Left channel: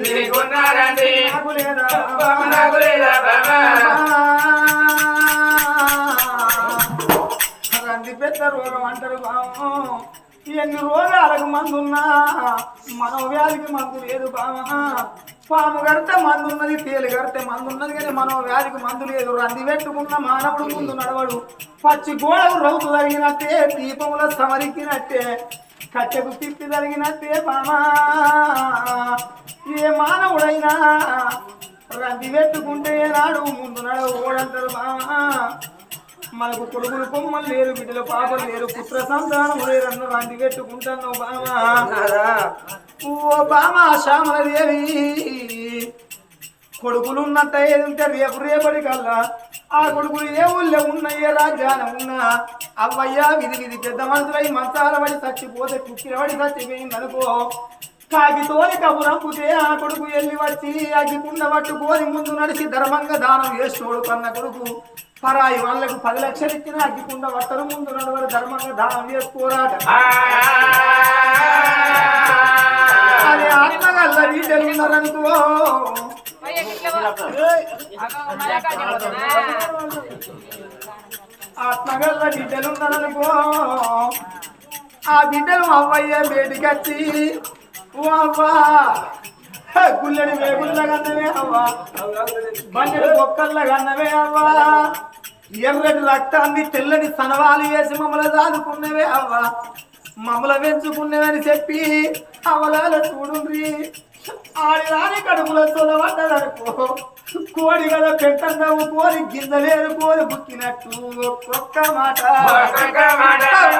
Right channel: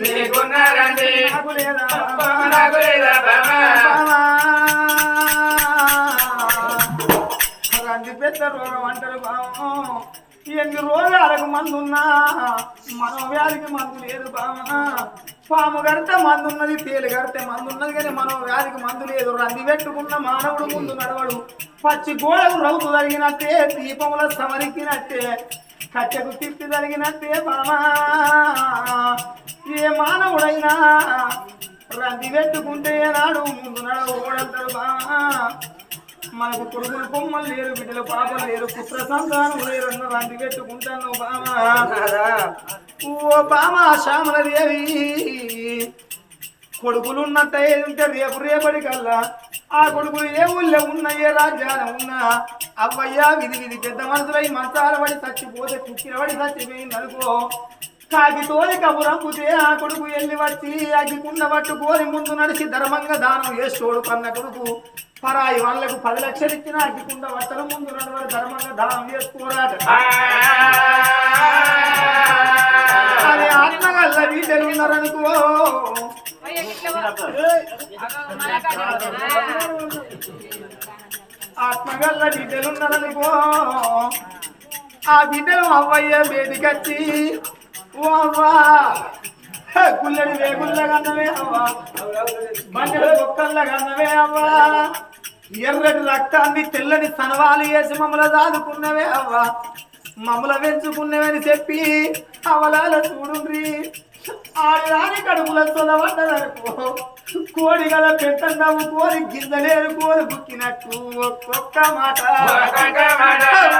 లేకున్నారండి నాకు పెద్ద రోగం అంటారు బాము ఎన్ని రోగాలకు మందున్నా మనం వ్యాధికి మందు లేదు బామా పాము కడితే మందు ఉన్నది తేలు కడితే మందు ఉన్నది కానీ మనం వ్యాధికి మందు లేదు. రంది పెట్టుకున్న మానవుడు ముందు నడవడు. పచ్చి గోడకు రౌతు జరిగినట్టే దీపముల సమరికినట్టే కట్టెకు తిప్పి జరిగినట్టే బామా ఏ మానవుడైనా రంది పెట్టుకుంటే నాడు ముందు నడవడంటారు బామా మనకు కొడుకులు కొమ్మలు లేరు బిడ్డలు పాపలు లేరు పుత్ర సంతానం లేరు అన్న రంది పెట్టుకుంటాను బామా ఓ బామా శ్యామలదేవి కొడుకులు ఉన్నట్టే ఉంటే రేపు రేపటి కల్లా. ఆ కొడుకులు ఏ ఊళ్ళో ఉన్న ఏ రాజ్యాన ఉన్నా అవ్వయ్యా విధి విధి పెద్ద మనుషులై మంచాల పడి చచ్చిపోతే కుక్కిల పడి చచ్చిపోయింది అనుకో కాకితోని కబురంపుతే ఆ కొడుకు వెళ్ళి వచ్చి అగ్గికుండ పట్టుకొని ముందు నడిచి ధర్మంగా దానం చేస్తోడు కన్న కొడుకు. పరాయి వాళ్ళకు పది లక్షలు ఇచ్చిన అగ్గికుండ పట్టను ముందు నడవరు ధర్మంగా దానం చేసుకోరాట అది ఆత్మగల్ల బిడ్డలు ఉన్నారనుకో. ఆత్మగల్ల బిడ్డలు ఉన్నారనుకో. ఆ బిడ్డలు అవ్వయ్య బయటికచ్చి ఓ అవ్వా గుల్లడి వేగుల్లగన్నవే అవ్వా. బండెడు బొక్కల్లగన్నవే అవ్వా. ఎర్రటి రక్తాన్ని తెల్లని సనవాలు వేసి మమ్మల్ని దాదుకున్నవే అవ్వా. మమ్మల పెంచుకున్నవని చెప్పి అవలాల చూడుండ్రి. ఆడిదాని కడుపుల సొలవడ్డదనుకో కోడి గల పెట్టన్నవు కోరి గింజలేరు కోరి బుక్కినట్టు ఒక్కొక్క మాట.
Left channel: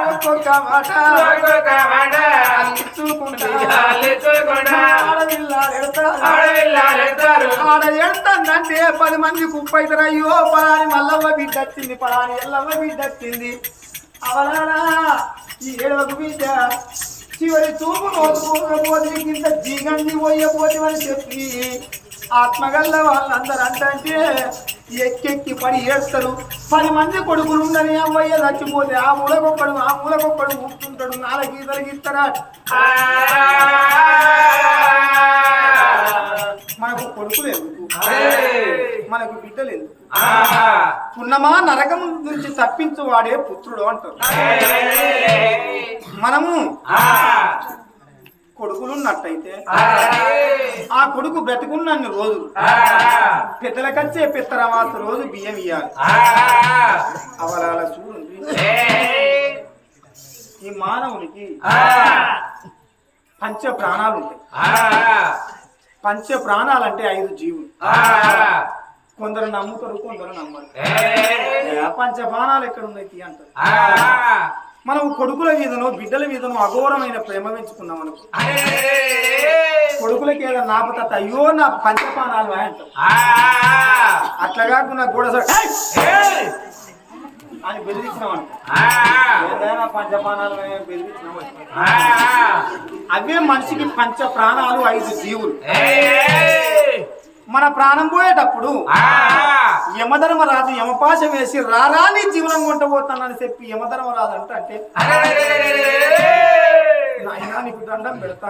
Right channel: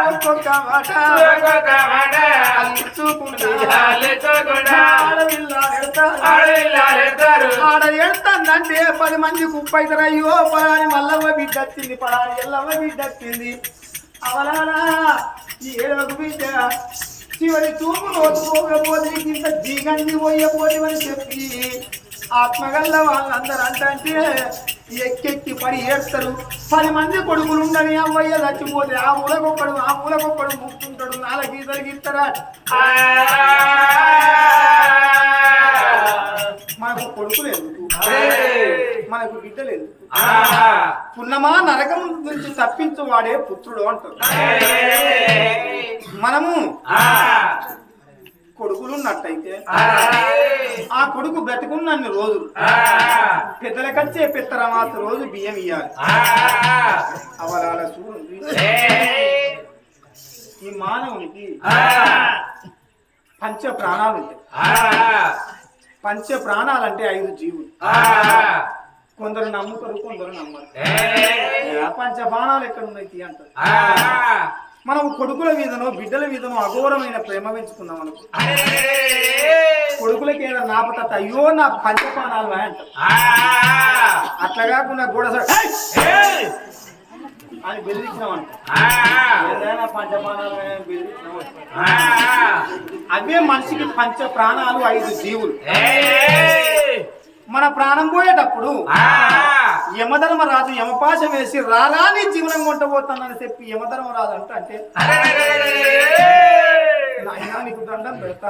ఒక్కొక్క మాట. ఒక్కొక్క ఆడ ఎడతాందంటే పది మంది కుప్పైతారు అయ్యో పలాని మల్లవ్వ బిడ్డ వచ్చింది పలాని ఎల్లవ్వ బిడ్డ వచ్చింది ఈ ఏడవకు బిడ్డ చివరి చూపు నోచుకోకపోతే ఇంత జీగండి పోయపోతేమని చెప్పి ఆత్మగల్ల వాళ్ళందరూ అంటే ఎక్కెక్కి పడి చేస్తారు పది మంది కొడుకులు ఉండని అవ్వయ్య చచ్చిపోతే ఆ మూలకొక్కడు ఆ మూలకొక్కడు ముక్కుంటాడు నాలుగు గీతలు గీస్తారా మనకు కొడుకులు ఎందుకు మనకు బిడ్డలు ఎందుకు పున్నమా నరకం నుంచి తప్పించు వాడే పుత్రుడు అంటారు మనము కొడుకులు ఉన్నట్టయితే ఆ కొడుకు బ్రతికున్నన్ని రోజులు పెద్దలకచ్చే పెత్తరమాస రోజు బియ్యం ఇయ్యాలి. అవలాల చూడండి ఈ మానవునికి పంచ ప్రాణాలు ఉంటాయి. పంచ ప్రాణాలంటే ఐదు జీవులు. కొందరు నమ్ముతారు కొందరు నమ్మరు. పంచ ప్రాణాలు ఎక్కడ ఉన్నాయి అంటారు. మనం కొడుకుల మీదనో బిడ్డల మీదనో అఘోరమైన ప్రేమ పెంచుకున్నాం అనుకో. కొడుకులకి ఏదో నాపత అయ్యో నా పంచపానాలు అంటాం అట్లా కాకుండా గోడ! అని బెదిరించినాం అనుకో. ఏదైనా పంచపానాలు బెదిరించినాం. అవే మనిషికి పంచ ప్రాణాలు ఐదు జీవులు. మన ప్రాణం పోయేటప్పుడు యమధర్మరాజు యమపాశ వేసి రారాని జీవనం కొంటబోతానని చెప్పి యమధర్మరాజు అంటే నీకు దండం పెడతా.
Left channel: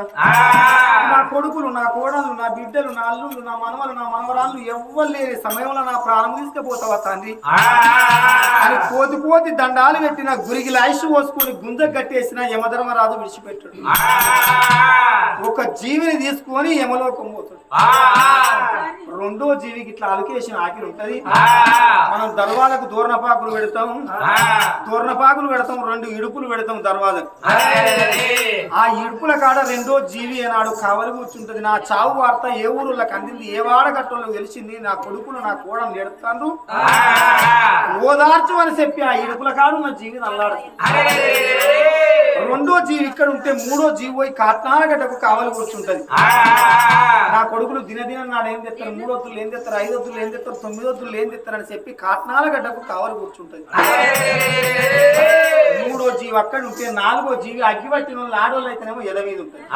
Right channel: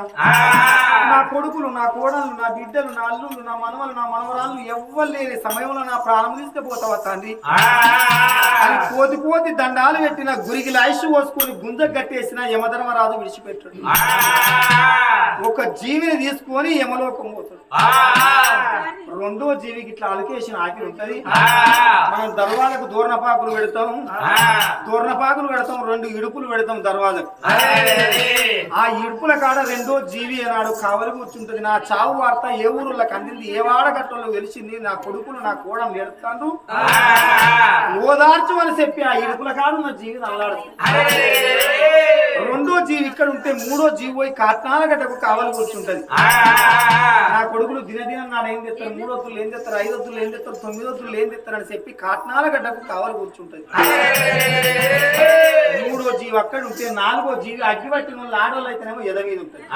నా కొడుకులు నా కోడలు నా బిడ్డలు నా అల్లుళ్ళు నా మనవలు నా మనవరాళ్ళు ఎవ్వరు లేని సమయంలో నా ప్రాణం తీసుకుపోతావా తండ్రి? అని పోతి పోతి దండాలు పెట్టిన గురికి లాయిష్ పోసుకొని గుంజ కట్టేసిన యమధర్మరాజు విడిచిపెట్టాడు. ఒక జీవిని తీసుకొని యమలోకం పోతాడు. రెండో జీవికి ఇట్లా అలకేషన్ ఆకిలి ఉంటది. మనం దర్వాలకు దూర్ణపాకులు పెడతాం. దూర్ణపాకులు పెడతాం రెండు ఇడుపులు పెడతాం దర్వాలకు ఆ ఇడుపుల కాడ రెండో జీవి ఏనాడు కావలి కూర్చుంటది. నా చావు వార్త ఏ ఊరులకు అందింది ఏ వాడగట్టంలో తెలిసింది నా కొడుకులు నా కోడలు ఎడతాను ఓదార్చు అని చెప్పి ఆ ఇడుపుల కాడున్న జీవి అల్లాడుతుంది రెండో జీవి ఇక్కడ ఉంటే మూడో జీవి పోయి కాట్నాలగడ్డకు కావలి కూర్చుంటది. నా కొడుకులు దినదినం నాడు ఏం తెస్తారు మూడు వద్దులు ఏం తెస్తారు? ఐదు వద్దులు ఏం తెస్తారు? తొమ్మిది వద్దులు ఏం తెస్తారు? అని చెప్పి కాట్నాలగడ్డకు కావలి కూర్చుంటది. మూడో జీవి అక్కడ ఉంటే నాలుగో జీవి అగ్గి పట్టిన వాళ్ళు ఆడవాళ్ళు అయితేనేమో ఎద మీద ఉంటుంది.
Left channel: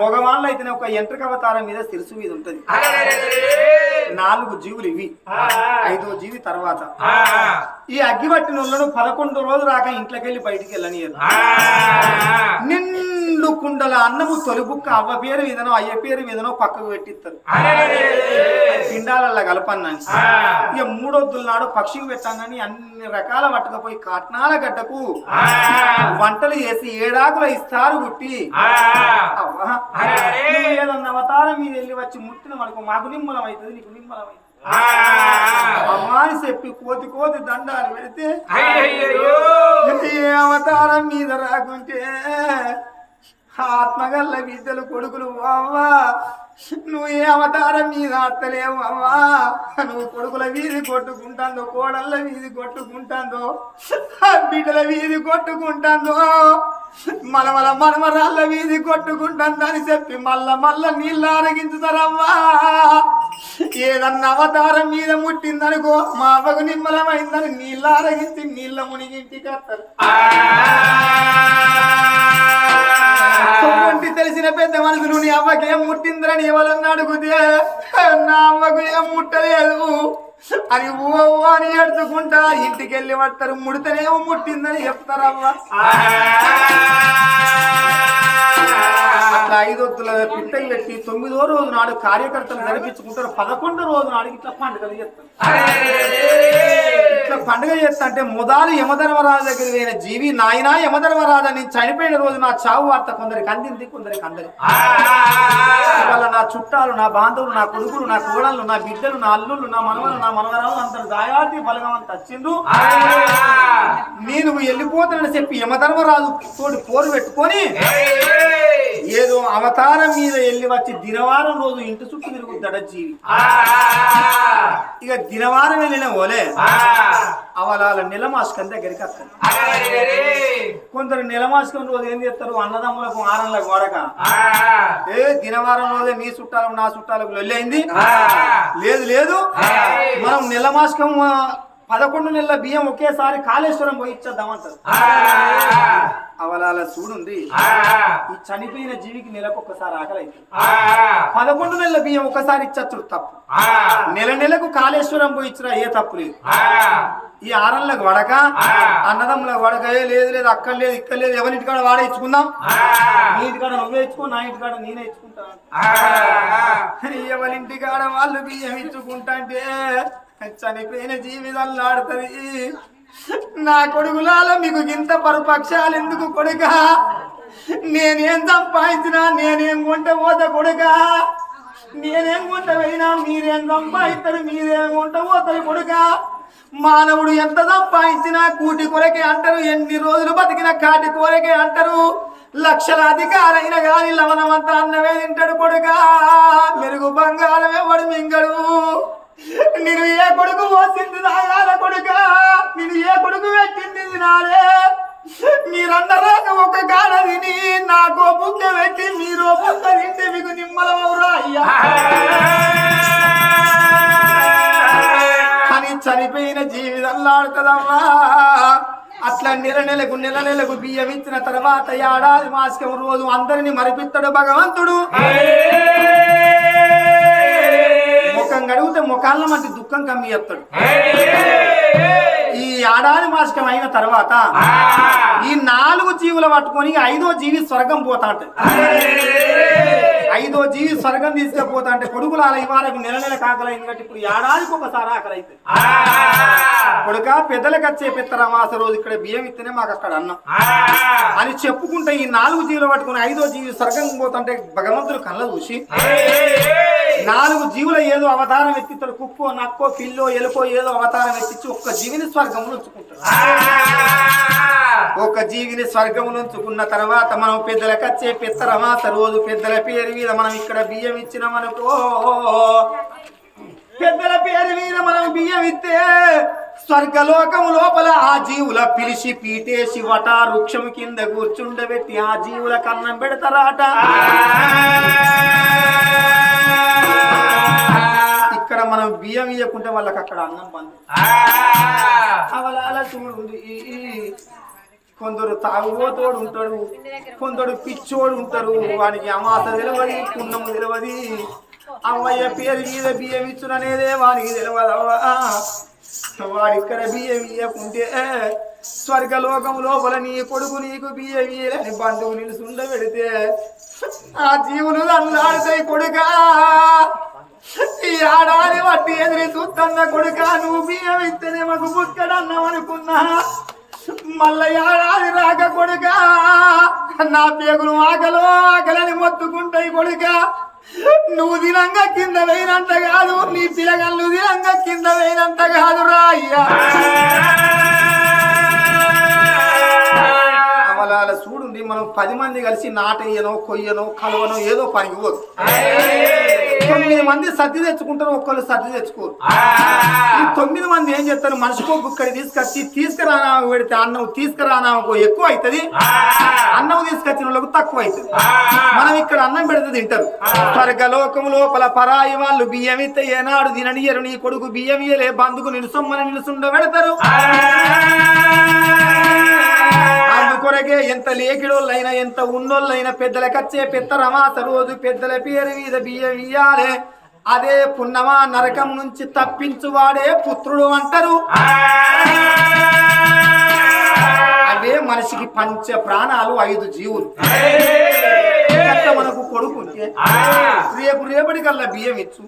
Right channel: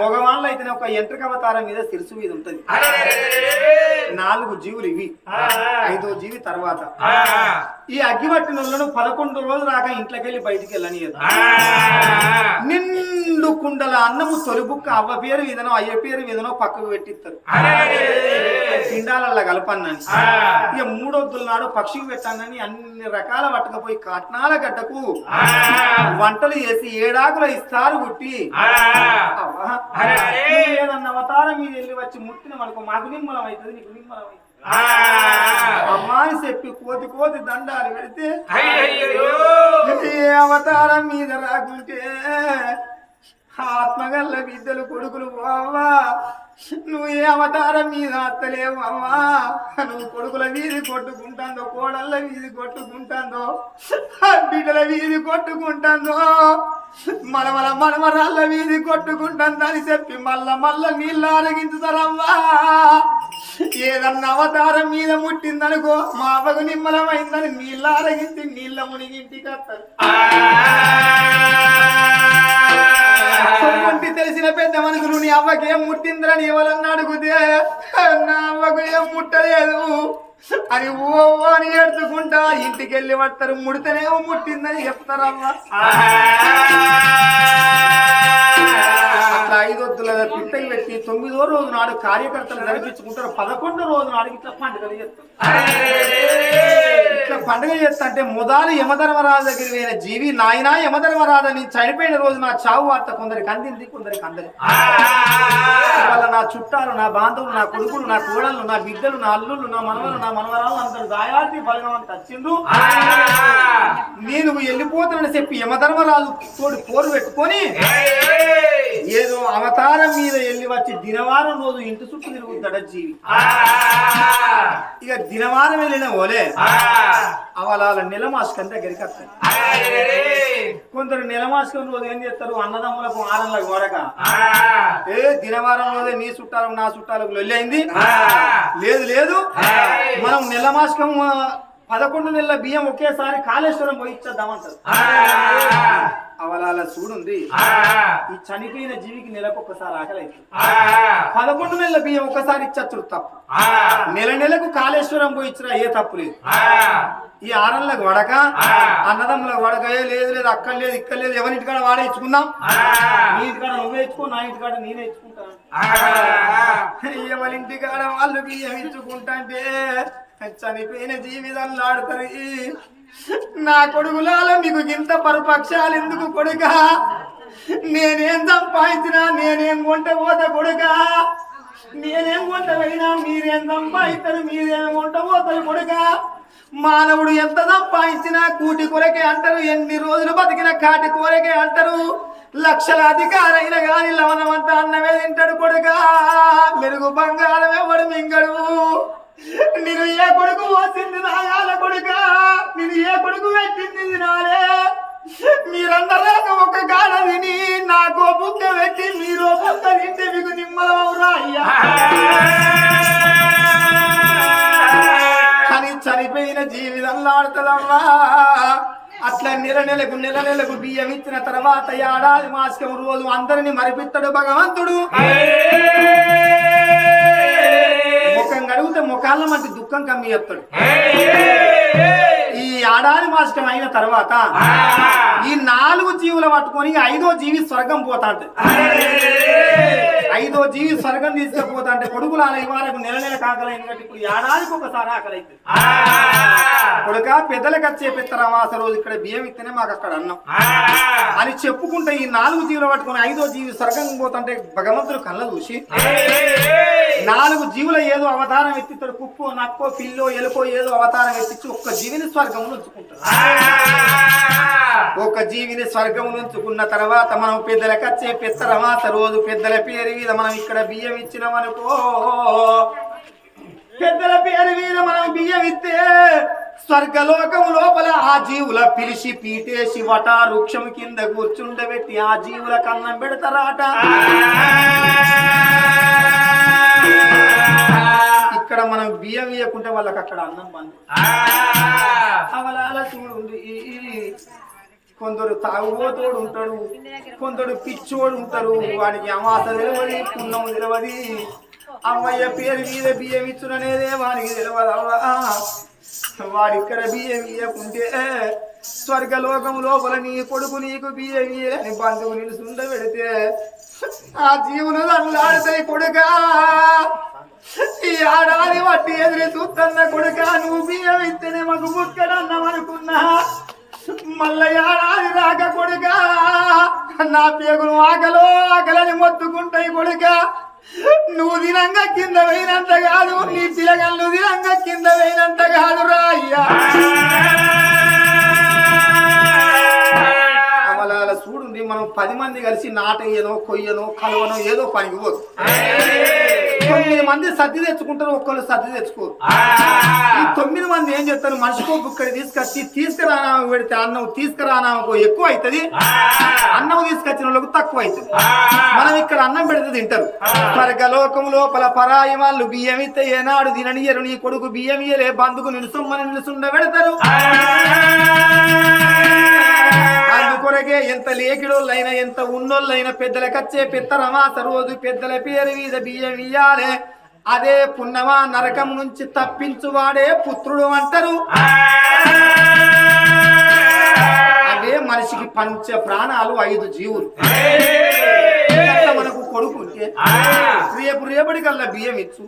మగవాళ్ళు అయితేనే ఒక ఎంట్రక అవతారం మీద సిరుసు మీద ఉంటది. నాలుగు జీవులు ఇవి. ఐదో జీవి తర్వాత. ఈ అగ్గి పట్టిన వాళ్ళను పదకొండు రోజులు రాక ఇంట్లోకి వెళ్ళి బయటికి వెళ్ళనియదు. నిండు కుండల అన్నము తొలిబుక్క అవ్వ పేరు మీదనో అయ్య పేరు మీదనో పక్కకు పెట్టిస్తారు పిండాలల్లా కలపన్నాను ఇక మూడొద్దుల నాడు పక్షికి పెట్టానని అన్ని రకాల పట్టుకపోయి కట్నాల గడ్డకు వంటలు చేసి ఏడాకుల ఇస్తారు గుట్టి అవ్వా, అవతారం మీద వెళ్ళి వచ్చి ముట్టిన మనకు మాకు నిమ్మలం అవుతుంది నీకు నిమ్మలం అవుతుంది అమ్మా అని చెప్పి కోతి కోతి దండాలు పెడితే అవతారం మీద రాకుంటే ఆత్మగల్ల బిడ్డలు కొడుకులు అవ్వా. నువ్వు ఏ అవతారం మీద అత్తలేవు అవ్వా. నువ్వు కొడుకుల వీధి కొట్టుకుంటాందో కోడళ్ళ వీధి కొట్టుకుంటాందో బిడ్డల వీధి కొట్టుకుంటాందో మలమల మనమరాళ్ళ వీధి కొట్టుకుంటాందని చెప్పి మల్ల మల్ల నీళ్ళు అరగించుతారవ్వా ఏదన్నా అవతారం మీద ముట్టిందనుకో మా అవ్వకు నిమ్మలమైందని నీళ్ళు అరగించి నీళ్ళ మునిగింటికి వస్తారు. సొమ్ముంటి తెలిసిన పెద్ద మనుషులు నీ అవ్వకి ఏం ముట్టిందని ఎవరన్నా అడుగుతే నా అవ్వకు ఏం ముట్టలేదు. అని ఓ అని ఎడుచుకుంటా ఇంటికి వెళ్ళి పడతారు ముడితేనేమో ముట్టిందని చెప్తారమ్మా అట్లా ఐదొద్దుల పిట్టయి పెట్టి తొమ్మిదో రోజు నాడు కార్యకర్తలు జరిపించుకుంటారు. పదకొండో రోజు నాడు ఇట్లా పండుగలు చెప్తారు. ఇట్లా పండుగ చేస్తా అంటే మొదలు యమధర్మరాజు దగ్గర పోయిన జీవి నాయన యమధర్మరాజు అని చనిపోయిన రోజు నా చావు వార్త కొందరికి అందింది కొందరికి అందరి ఇవాళ నా చుట్టాలు నా బాంధవులు నా కొడుకులు నా కోడళ్ళు నా బిడ్డలు నా అల్లుళ్ళు నా మనవలు నా మనవరాలు అందరు దాయాది బలగం అంత వచ్చిండ్రు నేను వెళ్ళిపోతానని చెప్పి యమధర్మరాజు తోటి పోరు పెట్టుకొని ఏదో అవతారం మీద వెళ్ళి వచ్చి దినవారం రోజు ఇంటి చుట్టూ తిరుగుతాడ జీవి? ఇక దినవారం వెళ్ళిన ఓలే. అవలాల నెలమాస్కం దగ్గరికి వస్తారు కొందరు నెలమాస్కం రోజు ఏం చేస్తారు? అన్నదమ్ములకు ఆరంలకు వాడక ఏ దినవారం రోజే నీ చుట్టాలకు నా చుట్టాలకు లొల్లైంది లేదు లేదు. మనం నెల మాసకం ఆ, పదకొండు నెలల బియ్యం ఒకేసారి కాళేశ్వరం పోయి ఇచ్చేద్దామంటారు. అవలాల చూడుంది ఈ చనిపోయిన జీవికి నెలకు ఒక్కసారి ఆకలి అవుతుంది పదకొండు నెలల బియ్యం ఒకసారి ఇచ్చచ్చు తప్పు. నెల నెలకు కాళేశ్వరం పోయి ఇచ్చినా ఏ తప్పు లేదు. ఈ ఆరంలకు వడక అన్నదమ్ములకు వడక ఏ లేదు లేదు అక్కడ లేదు ఇక్కడ లేదు ఎవరింటికాడ వాడ ఇచ్చుకుందాం? నీ ఇంటికాడ నువ్వే ఇచ్చుకో నా ఇంటికాడ నేనే ఇచ్చుకుంటాను ఎవరింటికాడ వాళ్ళు బియ్యం ఇచ్చుకుంటా అంటే చనిపోయిన జీవితంలో ఆడుతుంది నా కొడుకులాల మీకు ఇంత పరుపక్షాలు ఎందుకు కొడుక? నేనేం సంపాదించినా నేనేం కొంట పోత కొడుక? నేనేం కొంట పోయినా మీరేం సంపాదిస్తారు మీరేం కొంట పోతారు కొడుక? మానవుడు ఎంత సంపాదించినా కూటి కొరకే అంటారు ఎన్ని రోజులు బతికిన కాటి కొరకే అంటారు. లక్షల అధికారైన గాని లవణమంతా అన్నమే తింటాడు కొడుక. మెరుగు బంగారమే వాడు మింగడు? నేను ఏ కొడుకు పోసింది నాయాల కొడుక? నేను ఏ కొడుకు పెట్టింది నాలే మీరందరూ ఒక గాడ తిని నాకు బుక్క పెట్టి మీరు బుక్క తింటే మీకు నిమ్మలమవురా అయ్యా. కానీ చనిపోయిన జీవితంలో ఆడుతుందమ్మా అట్లా నెల నెలకు నెల నెలకు బియ్యం ఇచ్చిన తర్వాత ఏడాది మాసికం రోజు అందరిని మరిపిస్తాడు భగవంతుడు. ముఖాల మధ్య దుఃఖం కమ్మి చెప్తాడు ఈ ఏడాది మాసికం అయిన తర్వాత ఈ నాలుగు జీవులు పట్టుకొని ఐదో జీవి స్వర్గం పోతా ఉంటది ఐదో జీవి స్వర్గం తీసుకుపోతా అంటే కొడుకులు అలా ఇవాళకు నెల నెల కాకలైంది కాబట్టి ఇప్పుడు ఏడాదికి ఒకసారి ఆకలి అవుతుంది కొడుక పెద్దలకు వచ్చే పెత్తరమాస రోజు ఇక్కడ బియ్యం ఇస్తేనే మాకు అక్కడ అన్నం. అని చెప్పుకుంటే ఈ నాలుగు జీవులు పట్టుకుని ఐదో జీవి స్వర్గం పోతుంటే భగవంతుడు కళ్ళ చూసి నాలుగు జీవుల ఏదో అవతారం ఎత్తిస్తాడు. కుక్కో నక్కో పిల్లో ఎలుకో ఏదో అవతారం ఎత్తించి ఒక్క జీవిని స్వర్గం ఉంచుకుంటాడు. ఒక జీవిని స్వర్గం ఉంచుకున్న తర్వాత మనం పెద్దలకు వచ్చే పెత్తరమాస రోజు పెద్దల పేరు మీద మనం ఇక్కడ బియ్యం ఇచ్చినామనుకో పెద్దల పేరు మీద మనం బియ్యం ఇస్తే స్వర్గలోకము లోపల ఆ జీవుల పిలిచి పీటేసి వట వృక్షం కింద కూర్చుండబెట్టి ఆ జీవుల కన్నం పెడతారాట. ఇక్కడ మనం బియ్యం ఇవ్వకుంటే వాళ్ళకి అక్కడ అన్నం బంద్ అవలాల చూడు కొందరు తాగుబోతోడు ఉంటాడు కొందరు పిచ్చోడు ఉంటారు వాడికి అమాస తెలియదు పుణ్యము తెలియదు అమ్మయ్య పేరు మీద బియ్యం ఇచ్చుననేదే వానికి తెలియదు వాడిక్కడ ఇక్కడ బియ్యం ఇయ్యకుంటే స్వర్గలోకం లోపల నీ కొడుకు నీకు బియ్యం బియ్యని బంధువు నిలుసుండ పెడితే ఆ జీవులు అల్లాడుతాయి కొడుకా. ఈ ఆడాది వట్టి ఎదురు చూస్తున్న కొడుక నువ్వు బియ్యం ఇస్తేనే మాకు బుక్కడన్నాం అనుకున్నా. మల్లయాడాది రాక కొడుక. నా పేగులు ఆకలో ఆకలని మొత్తుకుంటాయి కొడుక. నువ్వు దినంగా కింద పోయినంత కాదు నీ పిల్లగళ్ళు దినంగా కింద పోయినంత కాదు రా అయ్యా. అమలాల చూడుంది మనం పది మంది కలిసి నాటయ్యనో కొయ్యనో కలవనో ఏదో పనికి పోదు. తొమ్మిది మంది సర్ది తెచ్చుకుంటారు ఒక్కళ్ళు సర్ది తెచ్చుకోరు. ఈ తొమ్మిది మంది ఏం చెప్తారు మనిషికో ఇక్కడ తీసుకొచ్చి తీసుకురానా పెడితే అన్నం తీసుకురానామకు ఎక్కువ అవుతుంది అన్నం తీసుకొచ్చిన వాళ్ళకు తక్కువ అవుతుంది మనం ఇక్కడ అన్నం పెడితే తింటారు. స్వర్గలోకం లోపల పరాయి వాళ్ళు బియ్యం ఇస్తే ఏనాడు తిననియరు నీ కొడుకు బియ్యం ఇయ్యలే బంధుకు నిలుసొమ్మని నిలుసుండ పెడతారు. అందుకొరకే ఎంత లేకిడోళ్ళైనా ఎంత ఉన్నోళ్ళైనా పెద్దలకచ్చే పెత్తరమాస రోజు పెద్దల పేరు మీద బియ్యం ఇయ్యాలే. అదే పున్నమా నరకం నుంచి తప్పించువాడే పుత్రుడు అంటారు. అదే మనిషికి పంచ ప్రాణాలు ఐదు జీవులు. మనకు కొడుకు రేపు రేపటికల్లా బియ్యం ఇచ్చు.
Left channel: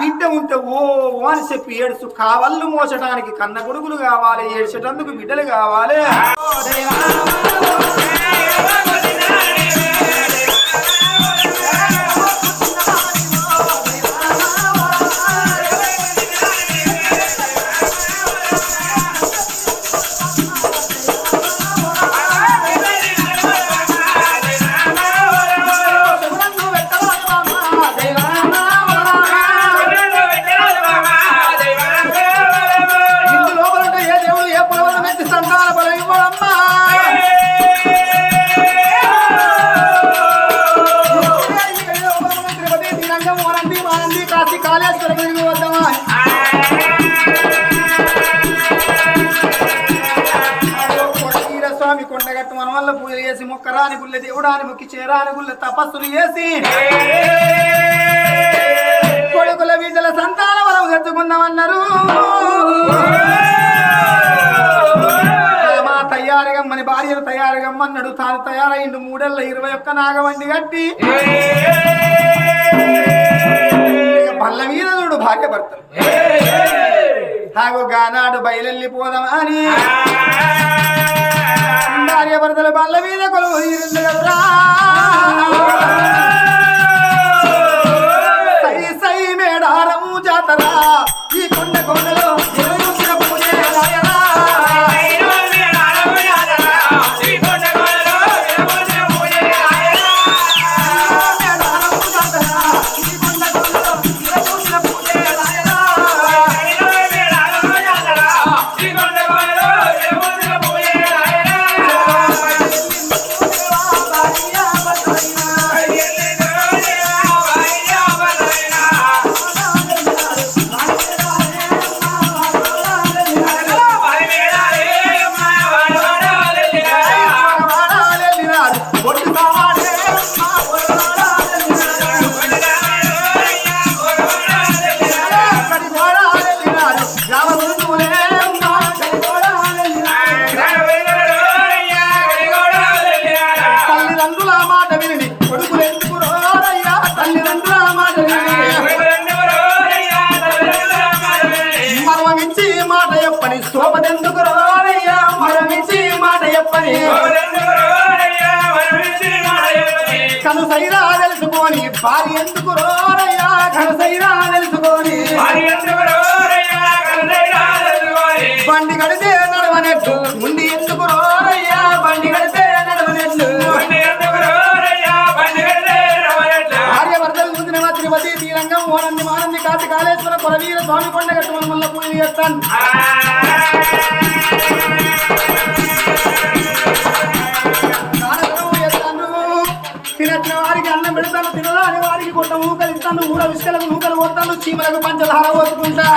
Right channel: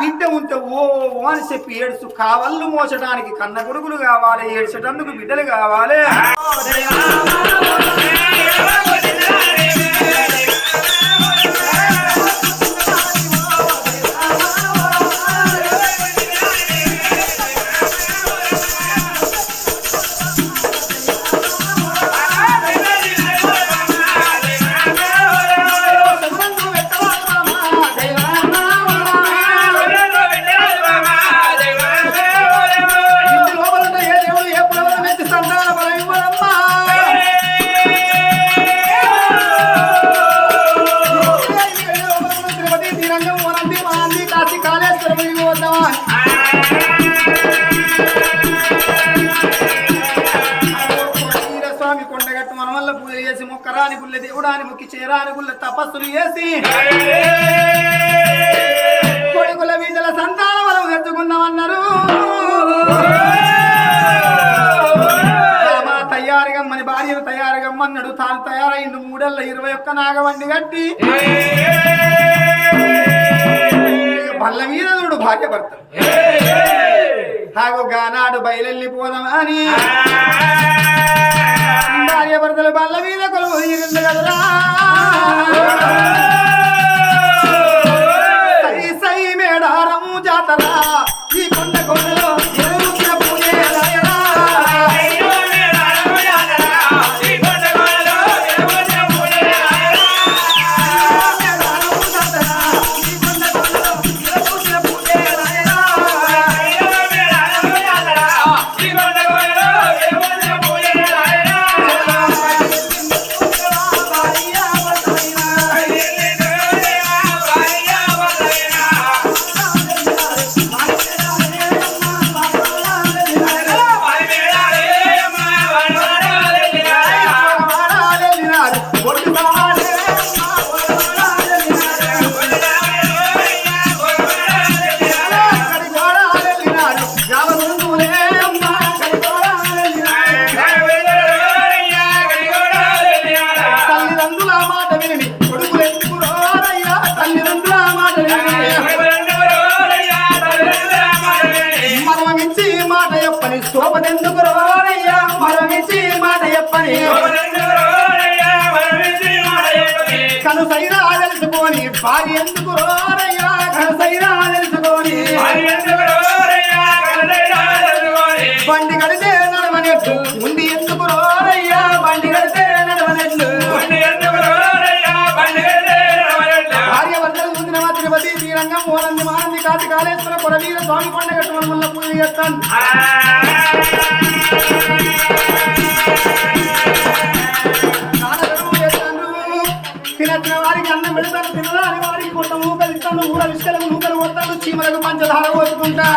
బిడ్డ ఉంటే ఓ ఓ అని చెప్పి ఏడుచు కావళ్ళు మోసడానికి కన్న కొడుకులు కావాలి ఏడ్చేటందుకు బిడ్డలు కావాలి. మొక్కరాని గుళ్ళ దేవుడాని మొక్కి చేరాని గుళ్ళ తపస్సులు చేసి కొడుకుల బిడ్డల సంతాన బలం తెచ్చుకుందామన్నారు. మా తయారుగమ్మని భార్యను తయారుగమ్మన్నాడు. తాను తయారైండు మూడేళ్ళ ఇరవై ఒక్క నాగవండి కట్టి బల్ల మీద చూడు భార్య భర్తలు తాగు గానాడు బయలెళ్ళిపోదాం అని భార్య భర్తలు బల్ల మీద కొలువు తీరింది కదరా. సై సై మేడారము జాతర ఈ కొండ కొండలో శోభనెందుకు రోరయ్యా మరమించి మాట చెప్పని. కను సైరా తెలుసుకొని భార్య ఎందుకు రోరయ్యా కను సైరా తెలుసుకొని. బండి కడితే నడవనెట్లు ఉంది ఎందుకు రోరయ్యా బండి కడితే నడవనెట్లు రంగం శ్రీరంగం ఓనంది మానంది కాటి కాళేశ్వర కొరవీర స్వామి కొండ కట్టుకుని మళ్ళీ పూజ చేస్తాను. నాన్నగారు వారికి అన్నం పెడతాను తినరాని వారికి కొట్ట ఊకలు ఇస్తాను. ఊర విసుకలకు నూకలు కొడతాను చీమలకు పంచదార పోసుకుంటా.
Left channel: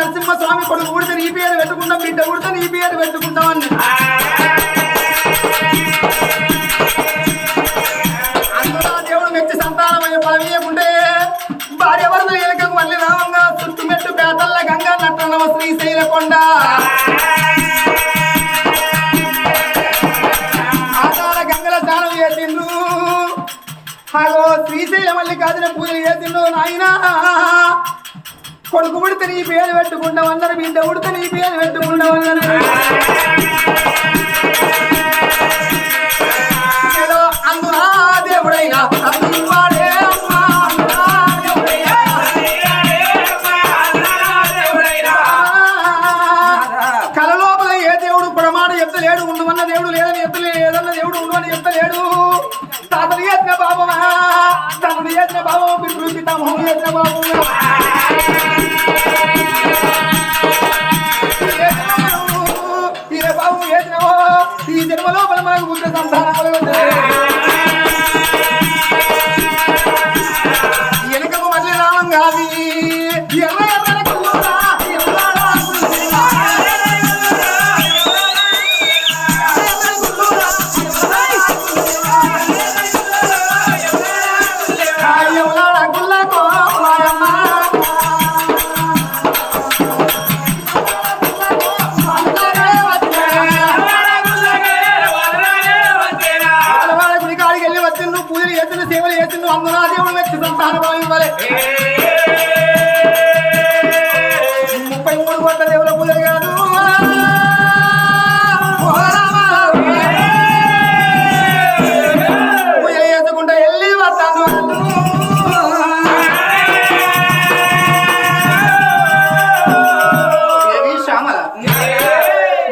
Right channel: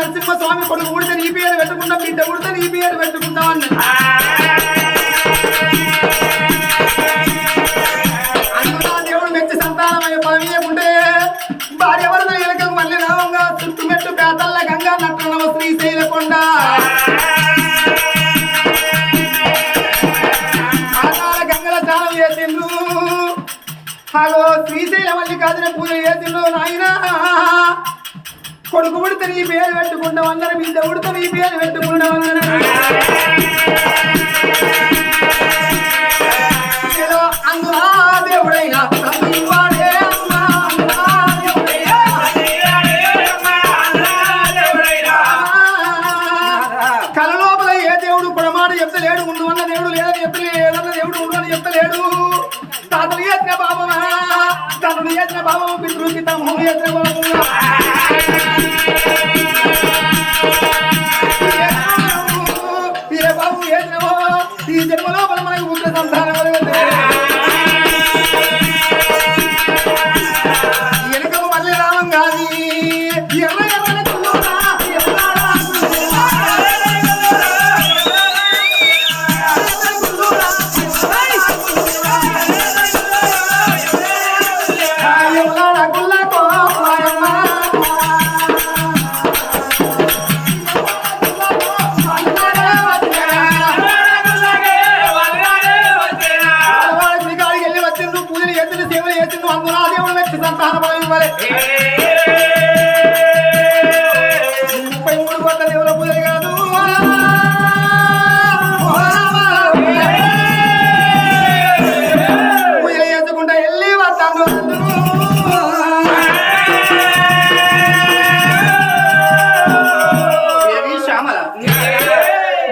ఎక్కడున్నావు నరసింహ స్వామి కొడుకు ఊడితే నీ పేరు పెట్టుకుంటాం బిడ్డ ఊడితే నీ పేరు పెట్టుకుంటాం అన్నాడు దేవుడు మెచ్చి సంతానమైన పదవీయకుంటే భార్య వరకు ఎలకకు మళ్ళీ రావంగా చుట్టుమెట్టు పేదల గంగా నట్టనవ శ్రీశైలకొండ ఆకార గంగల స్నానం చేసిండ్రు. అగో శ్రీశైల మల్లికార్జున పూజ చేసిండ్రు నాయన. కొడుకు పుడితే నీ పేరు పెట్టుకుంటాం అందరం బిడ్డ పుడితే నీ పేరు పెట్టుకుంటాం అందరం ఏదో అందునా దేవుడైనా స్థానం చేసిన బాబు పితృ పితామహం చేసిన బాబు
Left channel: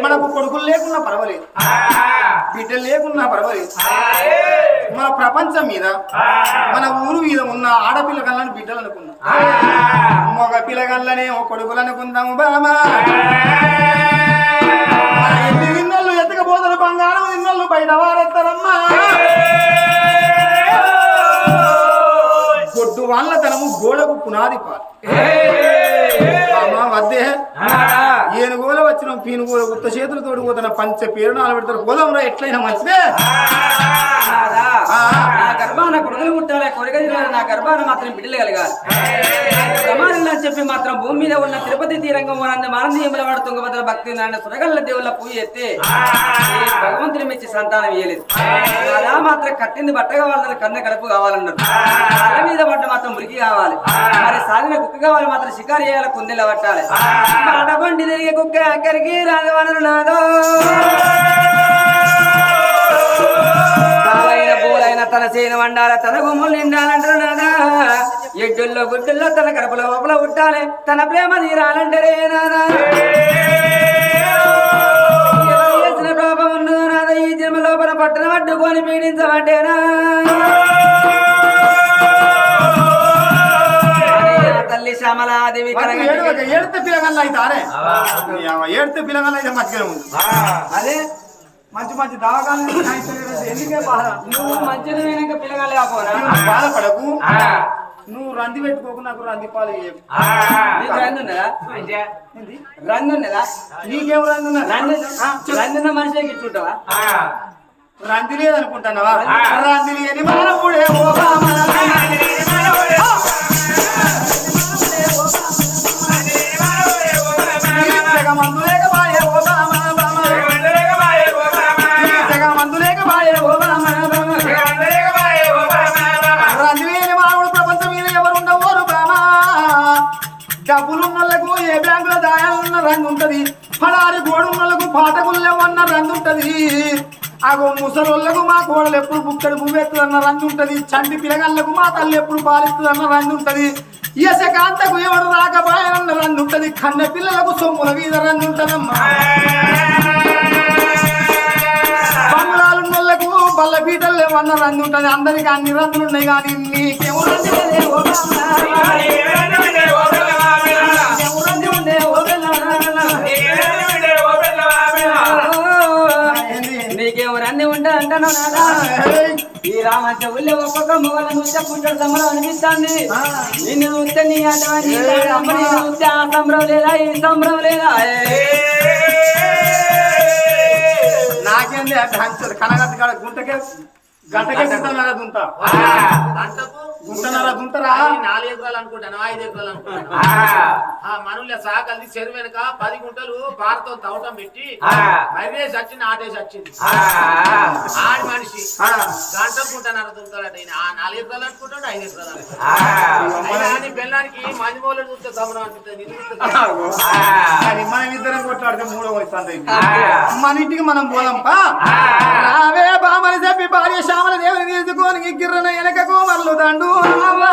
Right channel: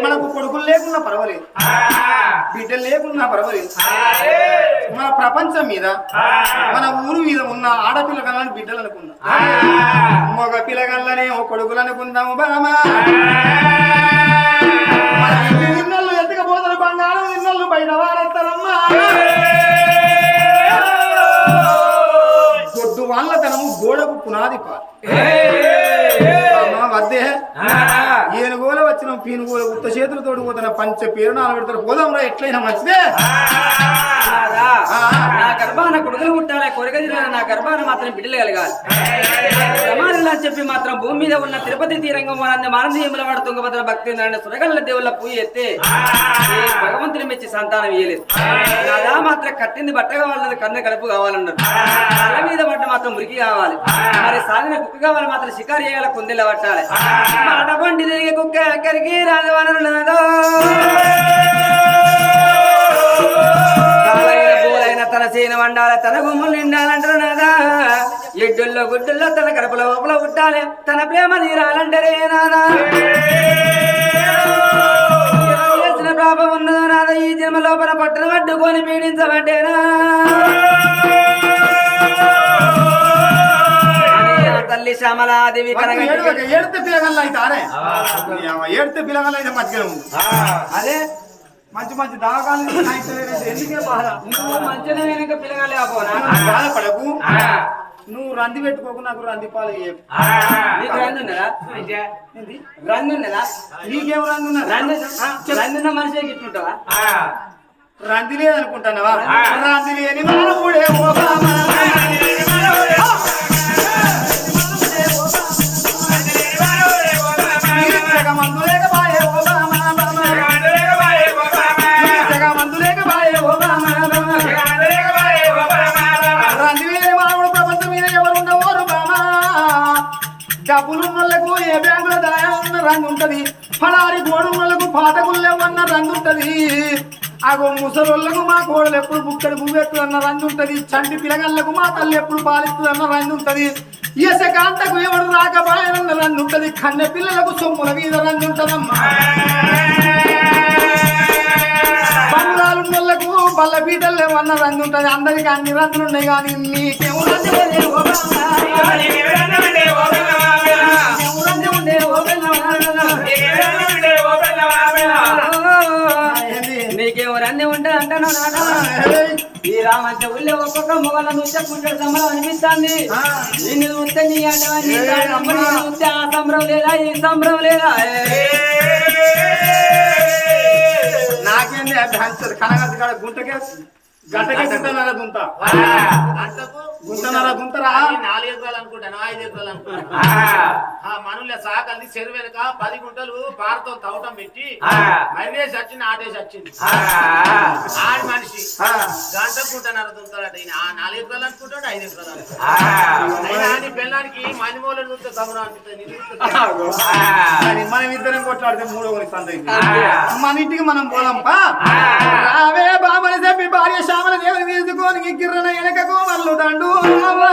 మనకు కొడుకులు లేకున్నా పర్వాలేదు. బిడ్డలు లేకున్నా పర్వాలేదు. మన ప్రపంచం మీద మన ఊరు మీద ఉన్న ఆడపిల్లగాళ్ళని బిడ్డలు అనుకున్నా మగ పిల్లగాళ్ళనే ఓ కొడుకులు అనుకుందాము బామా మన ఎత్తకపోతారు బంగారం నిన్నోళ్ళు బయట వారెత్తారమ్మా గొడ్డు వాళ్ళ తనము గోడకు పునాది పాలు. వద్దే ఏనుగోల వచ్చిన పీనుగోల ఉత్త చేతులతో పోతున్న పంచ పేరు నాలుగు పెడతారు. పోదాం రా ఎట్లయినా మంచిదే. నా గర్భాన కొడుకులు పుట్టాలి కొరక నా గర్భాన మాత్రం బిడ్డలు కలగాలి. ప్రమాణాలు అని చెప్పి మాత్రం భూమి మీద ఉన్న తిరుపతి తీరంగం వనంది మానందీయముల వాడు తుంగభద్ర భక్తి సురగల్ల దేవుళ్ళ పూజ ఎత్తే భగవంతుని మెచ్చి సంతానం ఇయ్యలేదు. నాదా మాత్రం కట్టింది బట్ట కావాలన్నది కన్న కడుపు కావాలన్నారు. తల మీద పడ్డ మాత్రం మురికి కావాలి. మరి సాలిన కుక్క కావాలి మాత్రం షికారు చేయాలి కుందెల పట్టాలి మాట పండి తిరిగే కుక్క అక్కడికి రాదు వనరు నాదో పూలైన తన సేన వండాల తన గుమ్ములు నిండాలంటారు నాదా ఎడ్డుల్లో గుడ్డుల్లో తన కడపల లోపల పుట్టాలి తన ప్రేమ నీరాలంటారే నాదా చేసిన పాపం ఉన్నదో నాదా ఈ జన్మ లోపల పట్టణ పట్టుకొని పీడించబడ్డేనా? తల్లి శ్యామలాదేవి ఏడితే పిల్లగల్ల అయితే ఆరే? ఏడితే పిల్లగల్ల అయితే మంచిగా ఉంది. అదే మంచి మంచి దవాఖాన ఎందుకే బాధ? నువ్వు మంచిగా వెనక పిల్లగాలి కాపోనా బాధపడకు. నువ్వు రంది పెట్టుకోకు నాకు రంది పాలు రంది ఉన్నదా? రంది ఉన్నదా? నీకేం రంది ఉన్నది? రంది రందున్న మనిషి గిట్టుంటావా రంది లేదనుకుంటున్నావా? రంది లేని మానవుడే ఓ డబ్బులున్నోళ్ళకు ఏ బ్యాంకులో దాయాలన్న రంగు ఉంటది పడారి గోడున్నోళ్ళకు పాటకుల్లెవన్న రంగు ఉంటది అగో ముసలోళ్ళకు మా కోడలు ఎప్పుడు బుక్కడి పువ్వెత్తు అన్న రంగు ఉంటది చంటి పిలగళ్ళకు మా తల్లి ఎప్పుడు పాలిస్తుంది అన్న రంగు ఉంటది యశకాంతకు ఎవడు రాకపాయనన్న రన్నుంటది కన్న పిల్లలకు సొమ్ముల మీద రన్నుంటదమ్మా ఉంటదమ్మా బంగుళాలున్నోళ్ళకు బల్ల పీటలు ఏమన్న రన్నుంటది ఉంటది అందరికి అన్ని రంగులు ఉన్నాయి కానీ నీకేమో రంగు నీకేమో ఉండే, రంది ఉంటే అంటాను నాదా రామంటే ఊళ్ళో ఒక్కొక్క మొగల చూస్తే కుంటాడు సంబరం అనిపిస్తుంది. నిన్ను చూస్తే నీ అటువంటి. చూస్తే ఆ సంబరం లేదా ఈ సంబరం లేదా? నాకేంది కాడ గుంటకే గంటకే గుంటనర దుంత గంటకు గుంటనర దుంతరా అది నాలుగు ఎకరాలు అనుకుంటాను ఐదు ఎకరాలు అనుకుంటాను. ఆ. మనుల సాకల్ది చెరువు వెనక పది గుంటలు పారతో తవ్వటం పెట్టి మర్రేసి వచ్చింది ఆటేసి వచ్చింది. ఆడి దుంతాడట ఈయన. నాలుగు ఎకరాలు అనుకుంటాడు ఐదు ఎకరాలు అనుకుంటాడు. అయినా అని బెల్లానికి మణిమూల చూస్తే గమనం అనిపిస్తుంది మనం ఇద్దరం కొట్లాడితే మూడో మన ఇంటికి మనం పోదాంపా అవే బామని చెప్పి భార్య శ్యామల దేవుని తీసుకొని గిర్రన వెనకకు మల్లు దండు రావా.